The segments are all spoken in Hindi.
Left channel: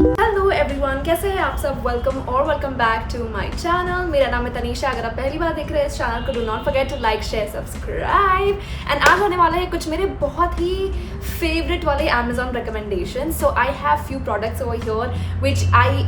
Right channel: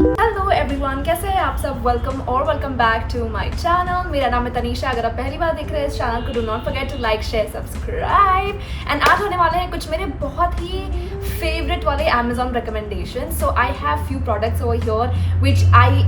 हेलो एवरीवन, कैसे हैं आप सब। Welcome back to my channel. मेरा नाम है तनीषा। अगर आप पहली बार देख रहे हैं इस चैनल को, do not forget to like share subscribe. And आज होने वाले हैं कुछ मेरे बहुत ही फेवरेट वाले Amazon recommendation. So I have few products over here which I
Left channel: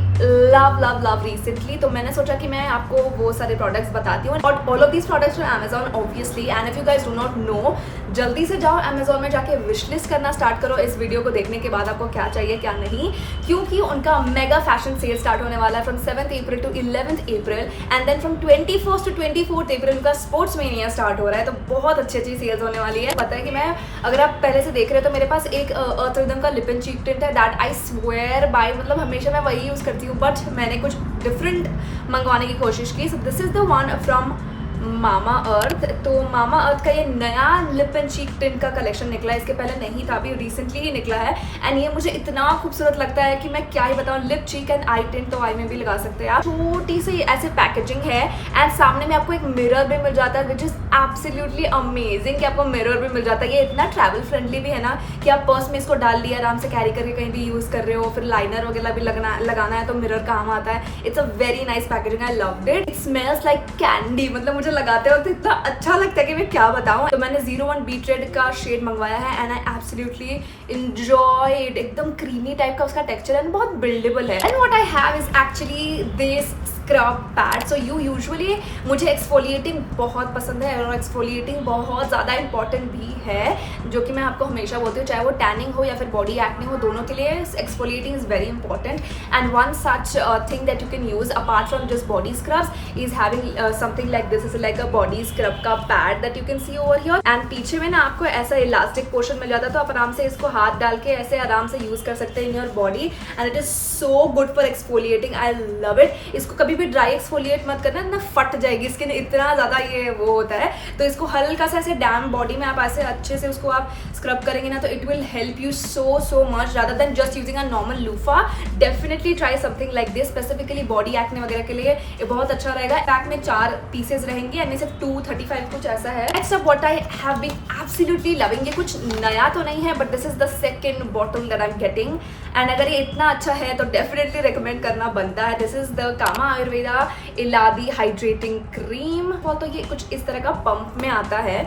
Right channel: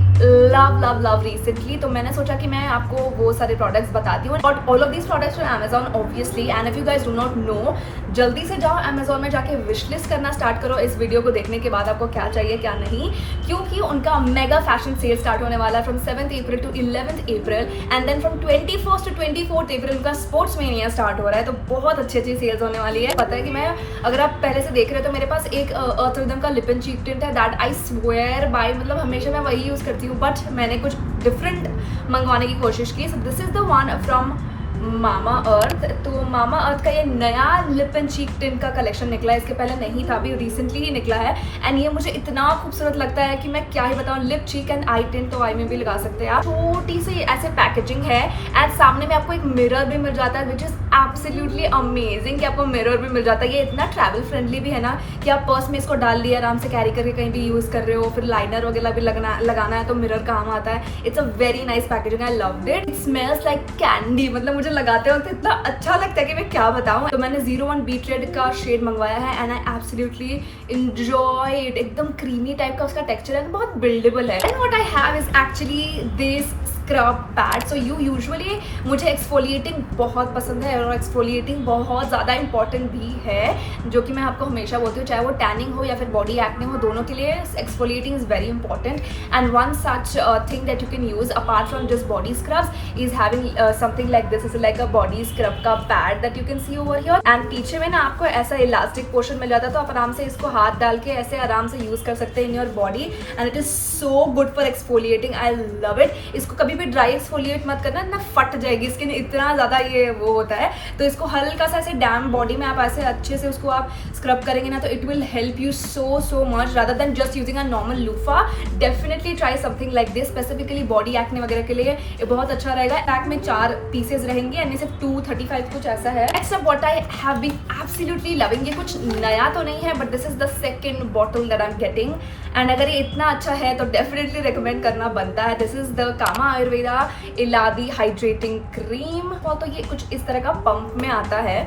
love recently. तो मैंने सोचा कि मैं आपको वो सारे प्रोडक्ट्स बताती हूँ। और all of these products from Amazon obviously. And if you guys do not know, जल्दी से जाओ Amazon में जाके विश लिस्ट करना स्टार्ट करो इस वीडियो को देखने के बाद आपको क्या चाहिए क्या नहीं, क्योंकि उनका मेगा फैशन सेल स्टार्ट होने वाला है from 7th April to 11th April. And then from 21st to 24th April उनका स्पोर्ट्स मेनिया स्टार्ट हो रहा है। तो बहुत अच्छी सेल्स होने वाली है। पता है कि मैं, अगर आप पहले से देख रहे हो तो मेरे पास एक अर्थ रिदम का लिप एंड चीक टिंट है दैट आई स्वेयर बाय, मतलब हमेशा मैं वही यूज करती हूँ, बट मैंने कुछ डिफरेंट मंगवाने की कोशिश की। So this is the one from Mamaearth. तो मामा अर्थ का ये नया लिप एंड चीक टिंट का कलेक्शन निकला है। इसके पहले नहीं था, अभी रिसेंटली ही निकला है। एंड ये मुझे इतना खूबसूरत लगता है कि मैं क्या ही बताऊं। Lip cheek and I tint तो आई में भी लगा सकते हैं आप। छोटी सी ऐसे पैकेजिंग है एंड सामने में आपको एक मिरर भी मिल जाता है विच इज एब्सोल्युटली अमेजिंग कि आपको मिरर भी मिल जाता है। ये इतना ट्रैवल फ्रेंडली भी है ना कि आप पर्स में इसको डाल लिया, आराम से कैरी करके कहीं भी यूज कर रहे हो। फिर लाइनर वगैरह भी लगाना है तो मिरर काम आता है। It's a very nice packaging, I loved it. It smells like candy, मतलब मुझे लगाते वक्त इतना अच्छा लगता है कि मैं क्या बताऊं। तो मैंने 01 बीट रेड का शेड मंगवाया है and I absolutely enjoy it. एकदम क्रीमी टाइप का उसका टेक्सचर है, बहुत बिल्डेबल है। And what I have is actually this scrub pad. So usually मुझे एक्सफोलिएटिंग बहुत पसंद है और एक्सफोलिएटिंग बहुत ज़्यादा इंपॉर्टेंट भी है, जो कि मैं आपको हमेशा बोलती हूँ, चाहे वो टैनिंग हो या फिर बॉडी एक्ने हो, दोनों के लिए exfoliating is very important. And one such thing that you can use apart from just body scrubs is having something like this. Is like a body scrub का pad that you can see over here. And पीछे में ना आपको ऐसा इलास्टिक पोर्शन मिल जाता है, तो आप आराम से इसको हाथ डाल के ऐसे आराम से यूज कर सकते हैं in your body. And it is so good for exfoliating, I love it. इसको कभी भी ड्राई एक्सफोलिएट मत करना, ना फट जाएगी स्किन, इतना ज्यादा ये वो होता है। तो इसको हल्का सा ऐसे डैम बॉडी में आप ऐसे अच्छे से उसको आप स्क्रब करेंगे ना, तो it will help you so much rather than just using a normal loofah. Definitely try something like this, specifically body acne वगैरह के लिए ये बहुत अच्छा रहेगा। पैक में 4 पीसेज रहेंगे एंड सिर्फ 235 कुछ ऐसा है। Next up what I have been absolutely loving, ये कुछ नया तो नहीं है, but this is the second bottle that I am getting. And अगर ये इतना अच्छा है तो डेफिनेटली रिकमेंड करना बनता है। This is the Kama Ayurveda Eladi hydrating cream. तो ये कुछ इस तरह का पंप में आता है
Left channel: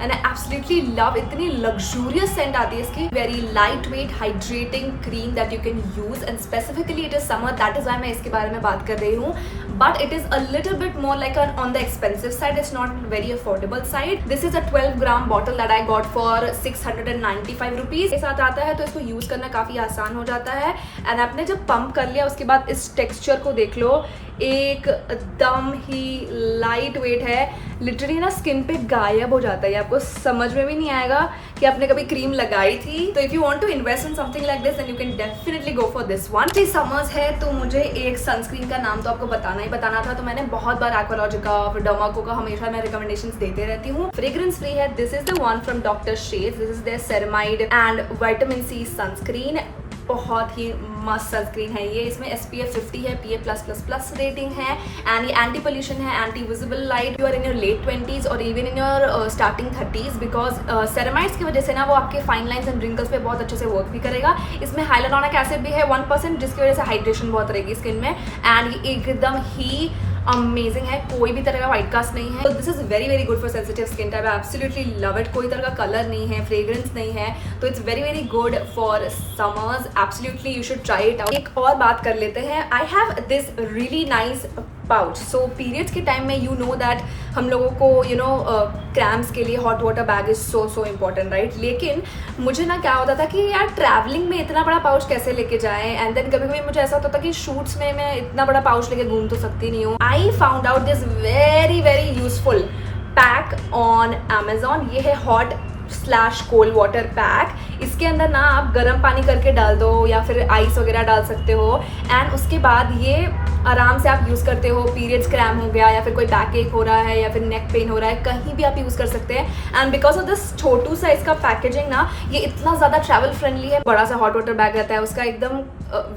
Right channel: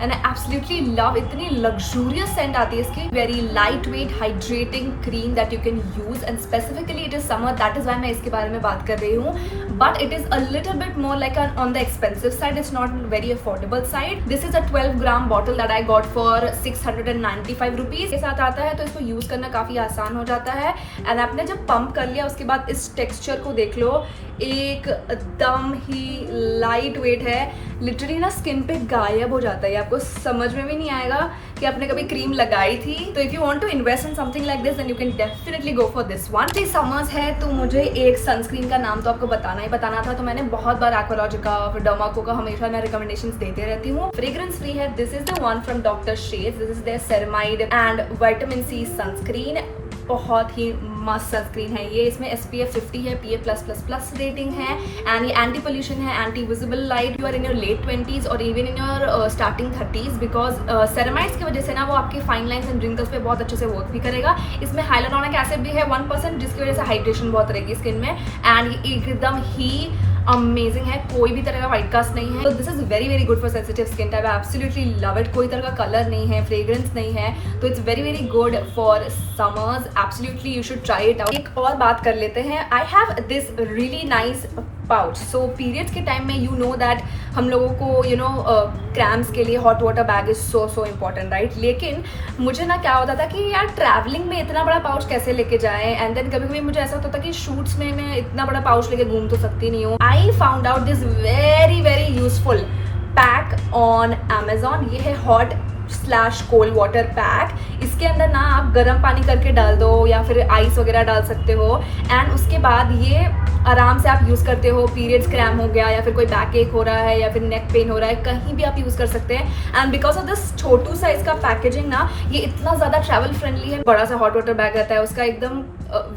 एंड आई एब्सोल्युटली लव। इतनी लग्जूरियस सेंट आती है इसकी। Very light weight hydrating cream that you can use and specifically it is summer, that is why मैं इसके बारे में बात कर रही हूँ। But it is a little bit more like on the expensive side, it's not very affordable side. This is a 12 gram bottle that I got for 695 rupees के साथ आता है। तो इसको यूज करना काफी आसान हो जाता है। एंड आपने जब पंप कर लिया उसके बाद इस टेक्सचर को देख लो, एकदम ही लाइट वेट है। लिटरली ना स्किन पे गायब हो जाता है, आपको समझ में भी नहीं आएगा कि आपने कभी क्रीम लगाई थी। तो if you want to invest in something like this then you can definitely go for this one. थी समर्स है तो मुझे एक सनस्क्रीन का नाम तो आपको बताना था। तो मैंने बहुत बार एक्वालॉजिका फिर डर्माको का हमेशा मैं रिकमेंडेशंस देते रहती हूँ। फ्रेग्रेंस फ्री है। This is the one from doctor Sheth's. This is their ceramide and vitamin C sunscreen. बहुत ही मस्त सनस्क्रीन है ये। इसमें SPF 50 है, PA+++ रेटिंग है एंड ये एंटी पोल्यूशन है, anti visible light. You are in your late 20s और even in your starting 30s, because ceramides की वजह से ना वो आपके फाइन लाइन्स एंड रिंकल्स पे बहुत अच्छे से वर्क भी करेगा। इसमें हाइलुरोनिक एसिड भी है 1%, जिसकी वजह से हाइड्रेशन बहुत रहेगी स्किन में। एंड ये एकदम ही अमेजिंग है, कोई भी तरह का व्हाइट कास्ट नहीं है। तो this is very good for sensitive skin type. I absolutely love it. कोई तरह का कलर नहीं है, फ्रेग्रेंस नहीं है, तो it's very good for summers. Absolutely you should try it out. एक और बात कर लेते हैं। आई have this really nice pouch. So periods के टाइम में यू नो दैट हम लोगों को क्रैम्प्स के लिए hot water bag is so important, right. लेकिन मुझे ना क्या होता था कि यार ट्रैवलिंग में इतना बड़ा पाउच कैसे लेके जाएं। एंड देन कभी कभी मुझे ऐसा होता था कि शूट्स में मैं इतना बड़ा पाउच लेके घूम तो सकती नहीं हूँ। आई found out this very useful pack on Amazon। ये है hot/cold वाटर पैक। इसके अंदर ना आप गर्म पानी करके डाल दो या फिर आइस वगैरह डाल सकते हो। एंड उसके बाद ये आराम से आप यूज़ करते हो, पीरियड्स क्रैम हो गया या फिर कोई बैक एक हो रहा है या फिर नेक पेन हो रहा है, कहीं भी आप यूज़ कर सकते हैं। एंड बिकॉज ऑफ दिस छोटू सा इसका पैकेजिंग ना, ये इतना ज़्यादा ट्रैवल फ्रेंडली है। बड़ा सा हॉट वाटर बैग रहता है उसका, एकदम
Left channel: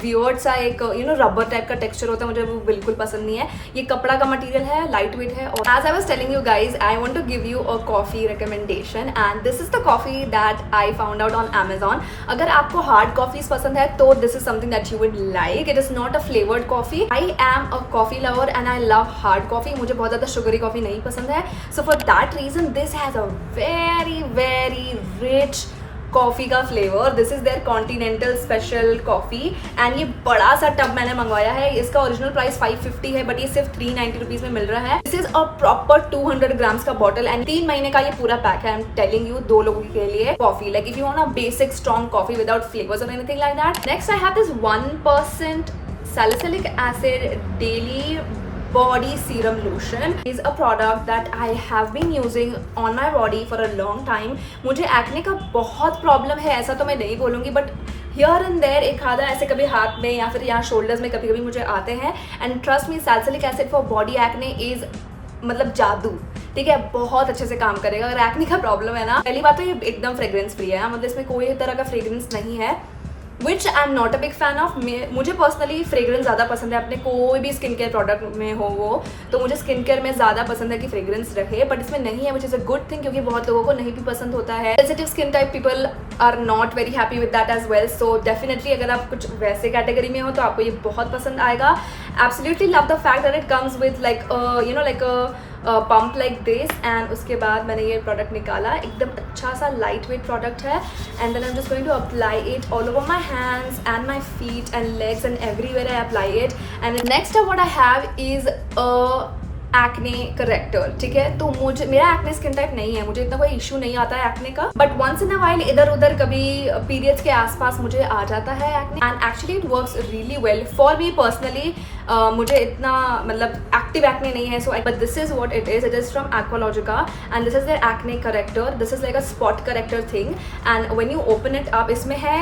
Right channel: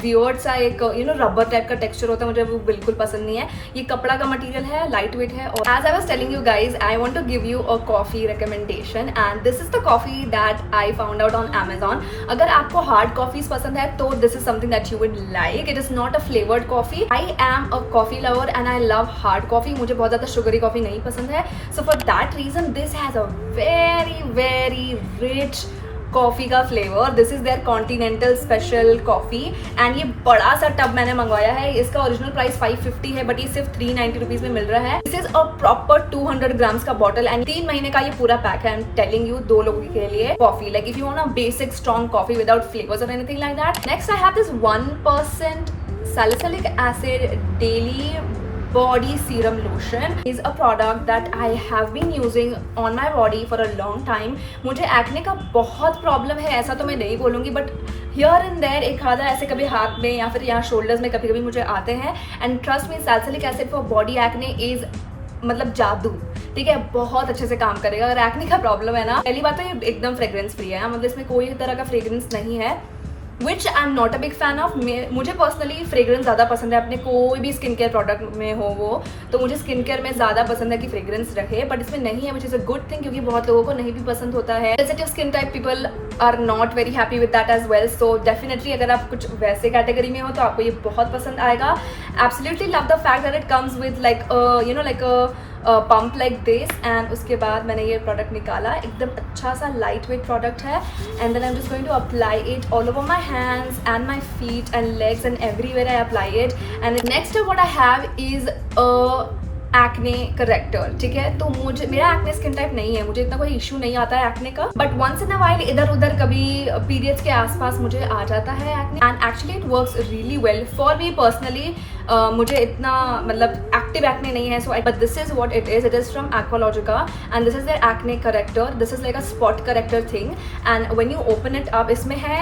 वियर्ड सा एक रबर टाइप का टेक्सचर होता है, मुझे वो बिल्कुल पसंद नहीं है। ये कपड़ा का मटेरियल है, लाइट वेट है। और as I was telling you guys, I want to give you a coffee recommendation and this is the coffee that I found out on Amazon। अगर आपको हार्ड कॉफीज पसंद है तो this is something that you would like. It is not a flavoured coffee. I am a coffee lover and I love hard coffee. मुझे बहुत ज़्यादा शुगरी कॉफी नहीं पसंद है, so for that reason this has a very very rich coffee का flavour. This is their continental special coffee and ये बड़ा सा टब मैंने मंगवाया है। इसका ओरिजिनल प्राइस 550 है बट ये सिर्फ 390 रुपीज में मिल रहा है। This is a proper 200 grams का बॉटल एंड 3 महीने का ये पूरा पैक है। आई एम टेलिंग यू, 2 लोगों के लिए coffee, like if you want a basic strong coffee without flavours और anything like that. Next I have this 1% salicylic acid daily body serum lotion is a product that I have been using on my body for a long time। मुझे एक्ने का बहुत प्रॉब्लम है, ऐसा तो मैं नहीं बोलूँगी, बट हियर एंड देयर एक आधा ऐसे कभी हाथ में या फिर यहाँ शोल्डर्स में कभी कभी मुझे आते हैं। And trust me, salicylic acid for body acne is मतलब जादू, ठीक है, बहुत अच्छे से काम करेगा। अगर एक्ने का प्रॉब्लम है ना, पहली बात तो ये एकदम फ्रेग्रेंस फ्री है, मतलब इसमें कोई तरह का फ्रेग्रेंस नहीं है, which I am not a big fan of. मुझे पर्सनली फ्रेग्रेंस ज़्यादा पसंद है अपने कोई भी स्किन केयर प्रोडक्ट में हो वो, तो मुझे स्किन केयर में ज़्यादा पसंद है कि फ्रेग्रेंस रहे, बट इसमें नहीं है, which is a good thing, क्योंकि बहुत लोगों को नहीं भी पसंद होता है। Sensitive skin type people are not very happy with that as well, so definitely अगर आप कुछ वैसे कैटेगरी में हो तो आपको ये बहुत पसंद आएगा। Absolutely love the fact that it comes with like like pump like this. And उसके बाद मैंने ये प्रोडक्ट निकाला, एकदम अच्छा सा लाइट वेट प्रोडक्ट है। And then I am just going to apply it all over my hands and my feet and legs and everywhere I apply it. And next what I have is acne corrector, ठीक है। तो मुझे, मेरा एक्ने स्किन टाइप नहीं है, मुझे इतना कोई इशू नहीं आता है एक्ने का, but once in a while इधर उधर कभी पीरियड्स के आसपास मुझे आ जाता है acne and actually it works really well for me personally. मुझे इतना मतलब एक्टिव एक्ने नहीं है, so but this is what it is from Aqualogica and this is their acne corrector. This is like a spot corrector thing and when you open it up, इसमें है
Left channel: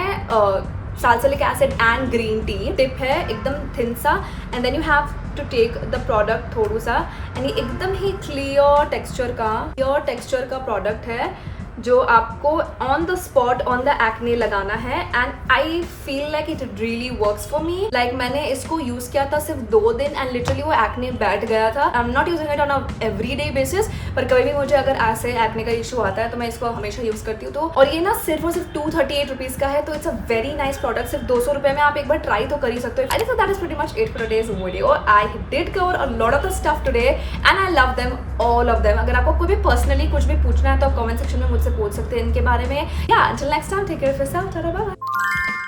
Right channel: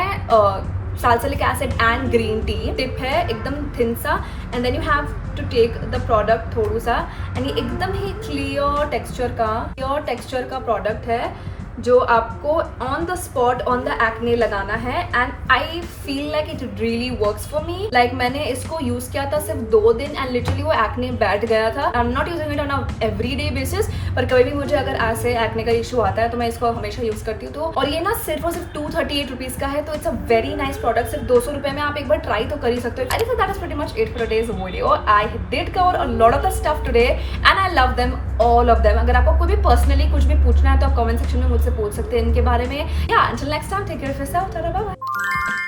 salicylic acid and green tea. Tip है एकदम थिन सा and then you have to take the product थोड़ा सा एंड ये एकदम ही क्लियर टेक्सचर का प्रोडक्ट है जो आपको on the spot on the acne लगाना है। And I feel like it really works for me. Like मैंने इसको यूज किया था सिर्फ 2 दिन एंड लिटरली वो एक्ने बैठ गया था। आई am not using it on a every day basis, पर कभी भी मुझे अगर ऐसे एक्ने का इशू आता है तो मैं इसको हमेशा यूज करती हूँ। तो और ये ना सिर्फ और सिर्फ 238 रुपीज का है, तो it's a very nice product. सिर्फ 200 रुपए में आप एक बार ट्राई तो कर ही सकते हो। So that is pretty much it for today's video. I did cover a lot of the stuff today and I love them all of them. अगर आपको कोई भी पर्सनली कुछ भी पूछना है तो आप कमेंट सेक्शन में मुझसे पूछ सकते हैं इनके बारे में। या until next time, take care of yourself. Ta-da, bye bye.